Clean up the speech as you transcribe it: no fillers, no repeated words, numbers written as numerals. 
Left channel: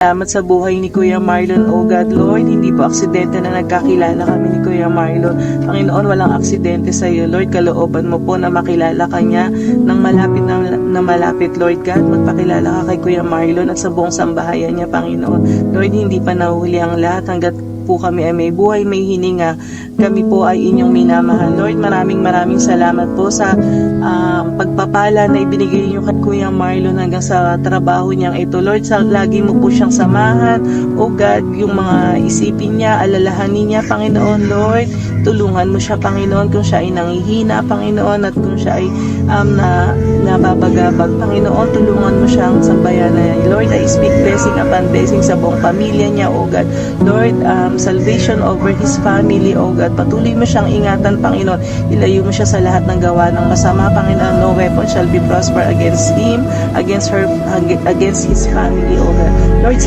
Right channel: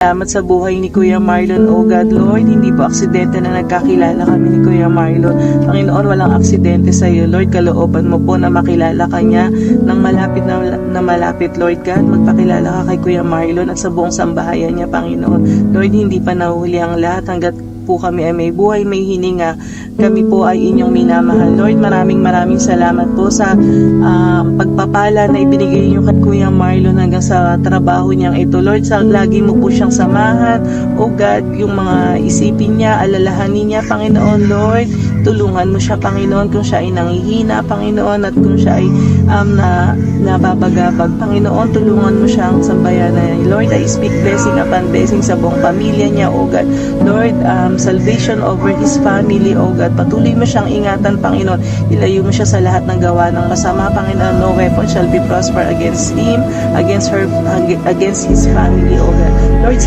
Salamat sa buhay ni Kuya Marlon, O God, Lord. Hindi po aksidente na nagkakilala kami ni Kuya Marlon. Panginoon, walang aksidente sa iyo, Lord. Kalooban mo po na makilala ka niya ng malapit na malapit, Lord God. Magpakilala ka kay Kuya Marlon at sa buong sambahayan niya, Panginoon. Lord, hindi pa nahuhuli ang lahat hanggat po kami ay may buhay, may hininga. Kami po ay inyong minamahal. Lord, maraming salamat po sa pagpapala na ibinigay niyo kay Kuya Marlon hanggang sa trabaho niyang ito. Lord, lagi mo po siyang samahan. O God, yung mga isipin niya, alalahanin niya, Panginoon, Lord. Tulungan mo siya, Panginoon, kung siya ay nanghihina, Panginoon, at kung siya ay nababagabag, Panginoon, tulungan mo siyang sambayanan. Lord, I speak blessing upon blessing sa buong pamilya niya, O God. Lord, salvation over his family, O God. Patuloy mo siyang ingatan, Panginoon. Ilayo mo siya sa lahat ng gawa ng masama, Panginoon. No weapon shall be prosper against him, against her, against his family, O God. Lord,